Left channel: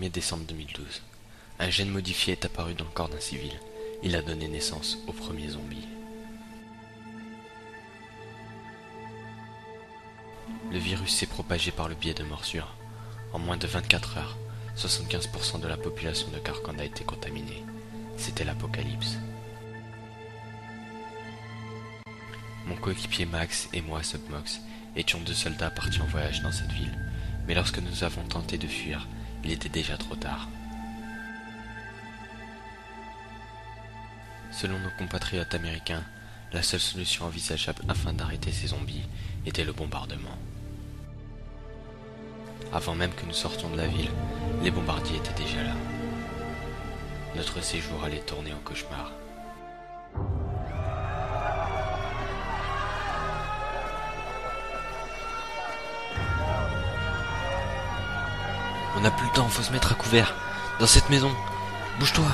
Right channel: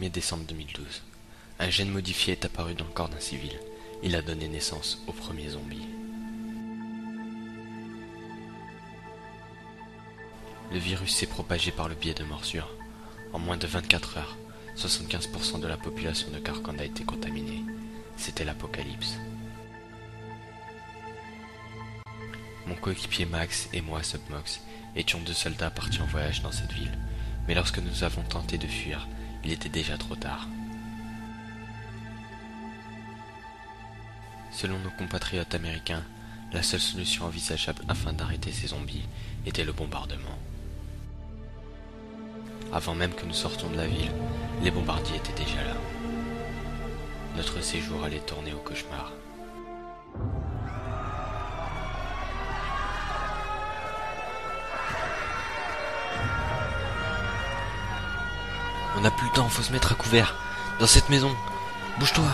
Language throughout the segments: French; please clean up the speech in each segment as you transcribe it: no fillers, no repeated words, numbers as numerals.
1er décembre 2012. Un gène modifié est apparu dans le corps d'un civil. Il a donné naissance au premier zombie. Le virus s'est propagé par le biais de morsures. En moins de 24 heures, 75% de la population de Carcand a été contaminée. C'était l'apocalypse. Mon coéquipier Max et moi, Submox, étions 2 soldats partis en voyage dans cette ville. Mais lorsque nous avons tenté de fuir, il était déjà trop tard. Selon nos compatriotes américains, la seule solution envisageable afin d'arrêter ces zombies était le bombardement. Avant même que nous sortions de la ville, les bombardiers étaient déjà là. Notre séjour allait tourner au cauchemar. On n'a plus le temps, faut se mettre à couvert. Dans cette maison. Bouge-toi.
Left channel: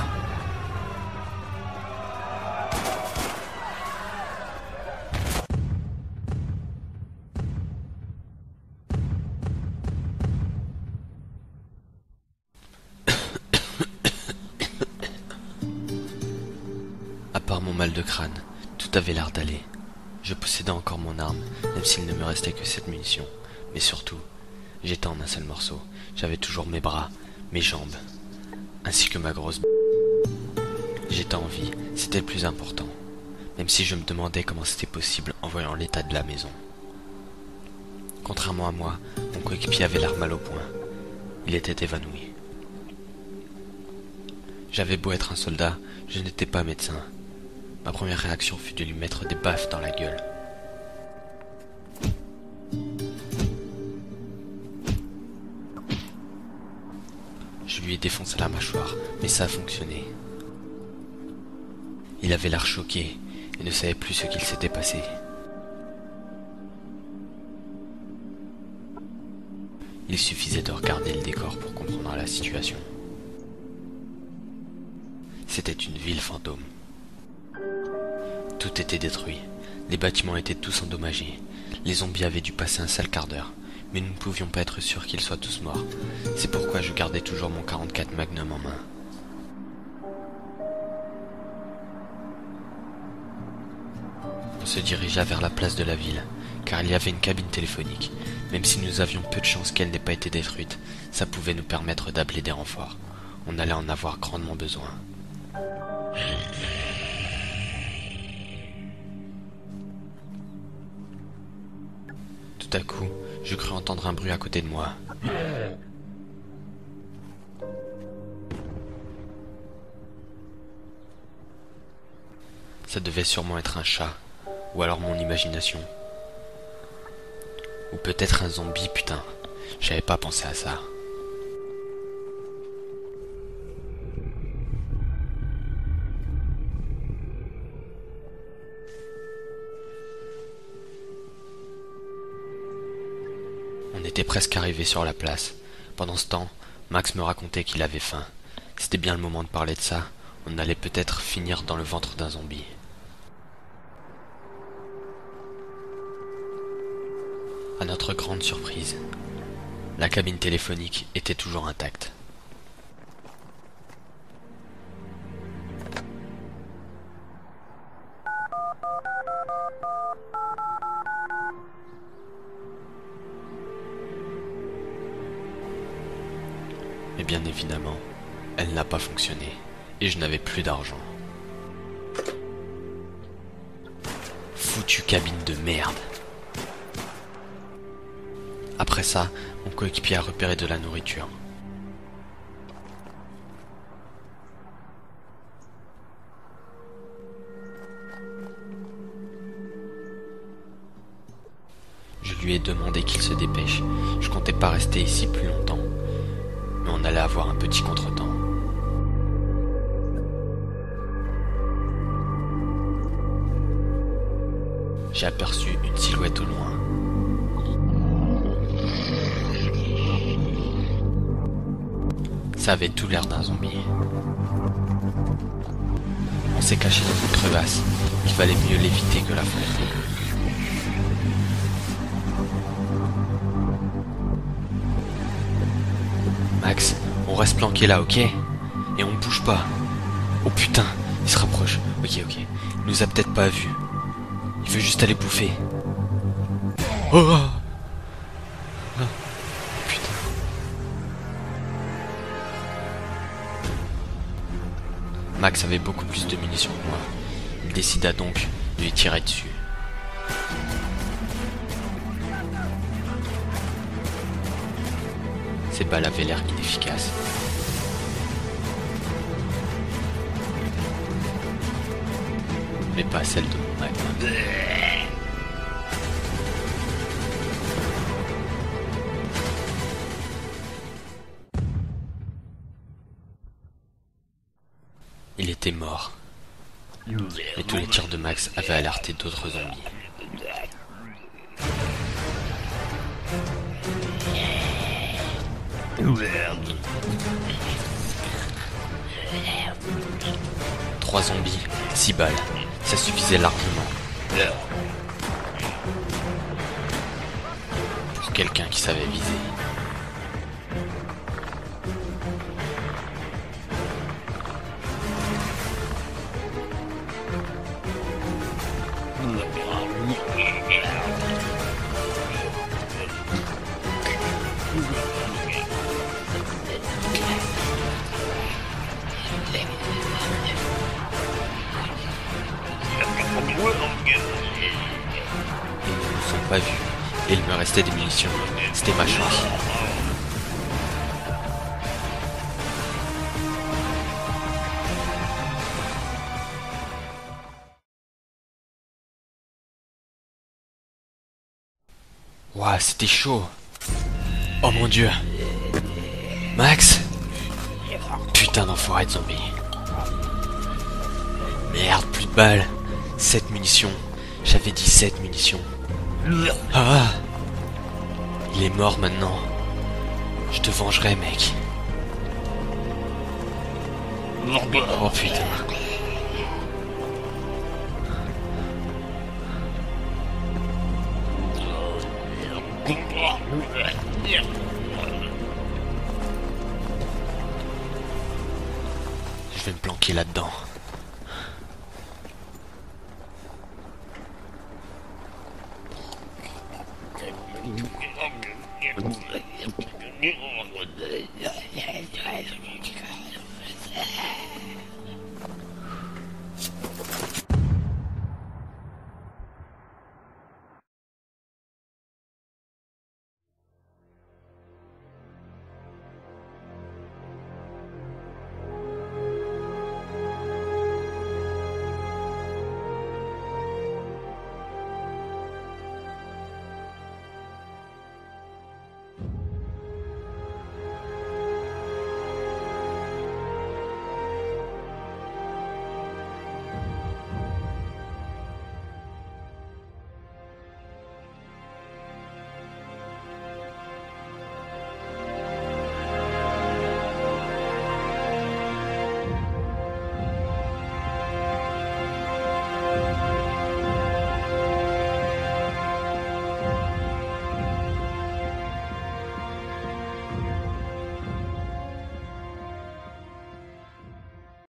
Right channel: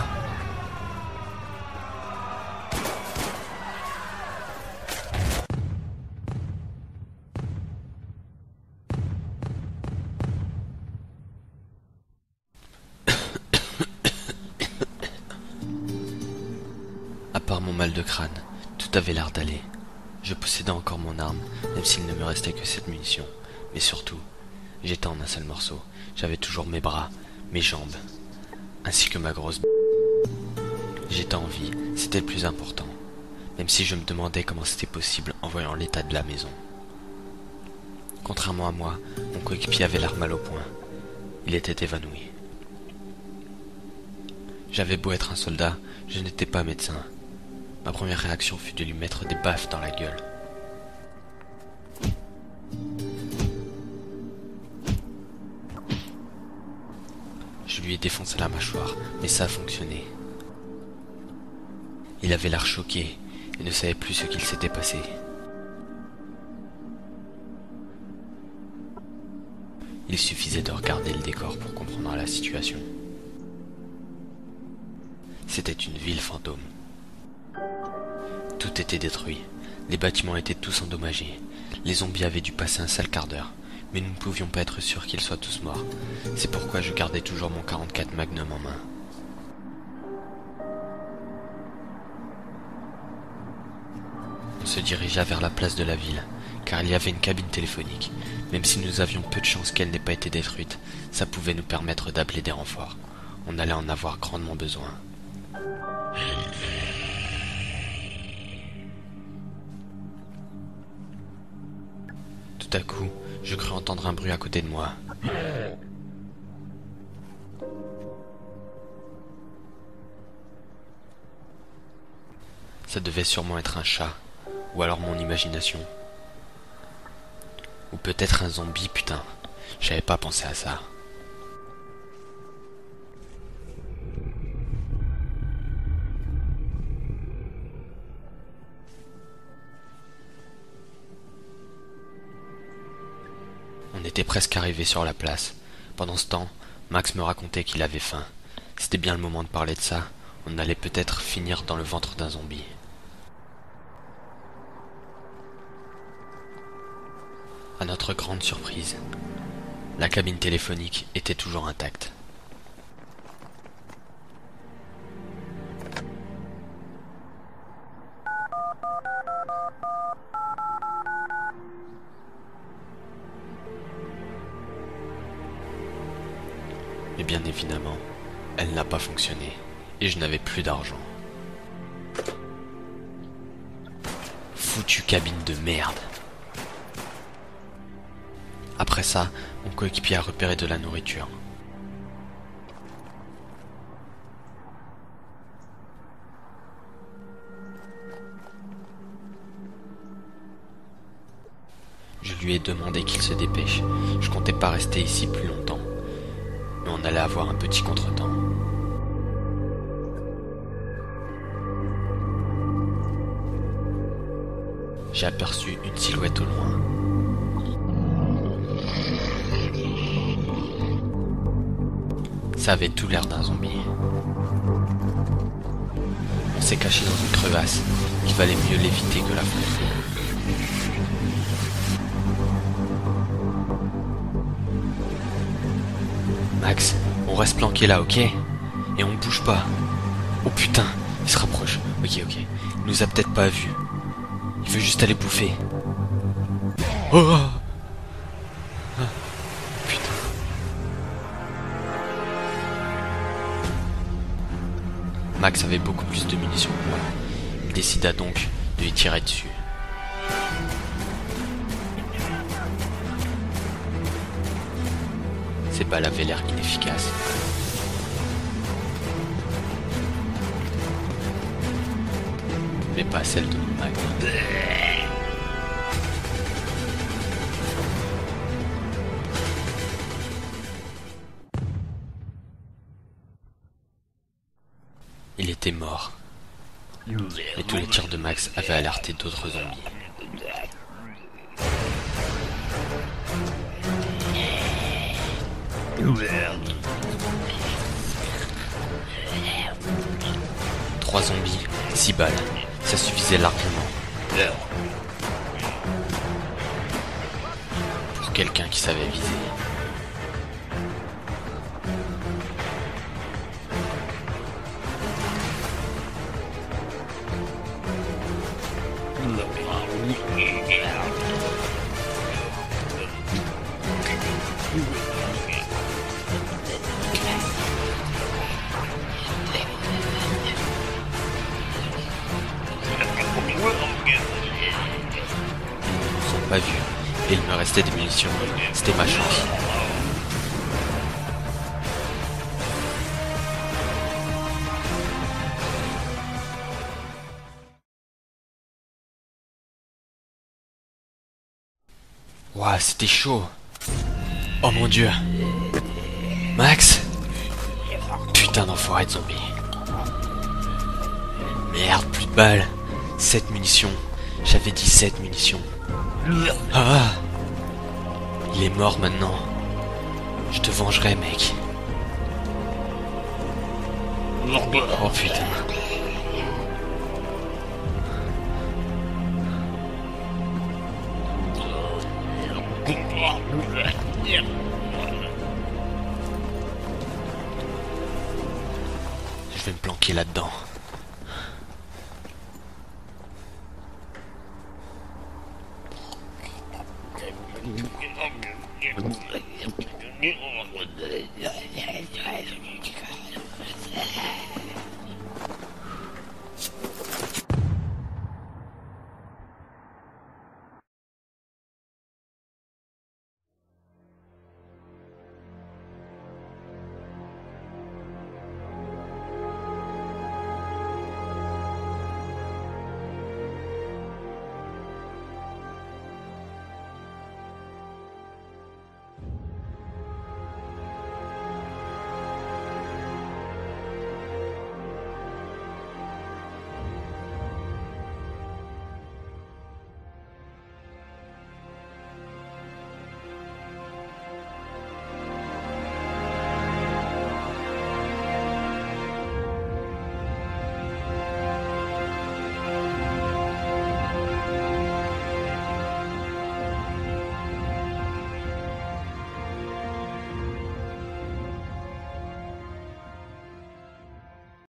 À part mon mal de crâne, tout avait l'air d'aller. Je possédais encore mon arme, même s'il ne me restait que 7 munitions. Mais surtout, j'étais en un seul morceau. J'avais toujours mes bras, mes jambes, ainsi que ma grosse J'étais en vie, c'était le plus important. Même si je me demandais comment c'était possible en voyant l'état de la maison. Contrairement à moi, mon coéquipier avait l'air mal au point. Il était évanoui. J'avais beau être un soldat, je n'étais pas médecin. Ma première réaction fut de lui mettre des baffes dans la gueule. Je lui ai défoncé la mâchoire, mais ça a fonctionné. Il avait l'air choqué et ne savait plus ce qu'il s'était passé. Il suffisait de regarder le décor pour comprendre la situation. C'était une ville fantôme. Tout était détruit. Les bâtiments étaient tous endommagés. Les zombies avaient dû passer un sale quart d'heure. Mais nous ne pouvions pas être sûrs qu'ils soient tous morts. C'est pourquoi je gardais toujours mon 44 Magnum en main. On se dirigea vers la place de la ville, car il y avait une cabine téléphonique. Même si nous avions peu de chance qu'elle n'ait pas été détruite, ça pouvait nous permettre d'appeler des renforts. On allait en avoir grandement besoin. Tout à coup, je crus entendre un bruit à côté de moi. Ça devait sûrement être un chat, ou alors mon imagination. Ou peut-être un zombie, putain. J'avais pas pensé à ça. On était presque arrivé sur la place. Pendant ce temps, Max me racontait qu'il avait faim. C'était bien le moment de parler de ça. On allait peut-être finir dans le ventre d'un zombie. À notre grande surprise, la cabine téléphonique était toujours intacte. Mais bien évidemment, elle n'a pas fonctionné, et je n'avais plus d'argent. Foutue cabine de merde. Après ça, mon coéquipier a repéré de la nourriture. Je lui ai demandé qu'il se dépêche. Je comptais pas rester ici plus longtemps. Mais on allait avoir un petit contretemps. J'ai aperçu une silhouette au loin. Ça avait tout l'air d'un zombie. On s'est caché dans une crevasse. Il valait mieux l'éviter que l'affronter. Max, On reste planqué là, ok? Et on bouge pas. Oh putain, il se rapproche. Ok. Il nous a peut-être pas vus. Il veut juste aller bouffer. Oh putain. Max avait beaucoup plus de munitions que moi. Il décida donc de lui tirer dessus. Ces balles avaient l'air inefficaces. Mais pas celle de mon Magnum. Il était mort. Mais tous les tirs de Max avaient alerté d'autres zombies. Trois zombies, 6 balles, ça suffisait largement. Pour quelqu'un qui savait viser. Ils ne nous ont pas vus, et il me restait des munitions. C'était ma chance. Ouah, c'était chaud. Oh mon dieu. Max? Putain d'enfoiré de zombie. Merde, plus de balles. 7 munitions. J'avais 17 munitions. Ah! Il est mort maintenant. Je te vengerai, mec. Oh putain. Je vais me planquer là-dedans.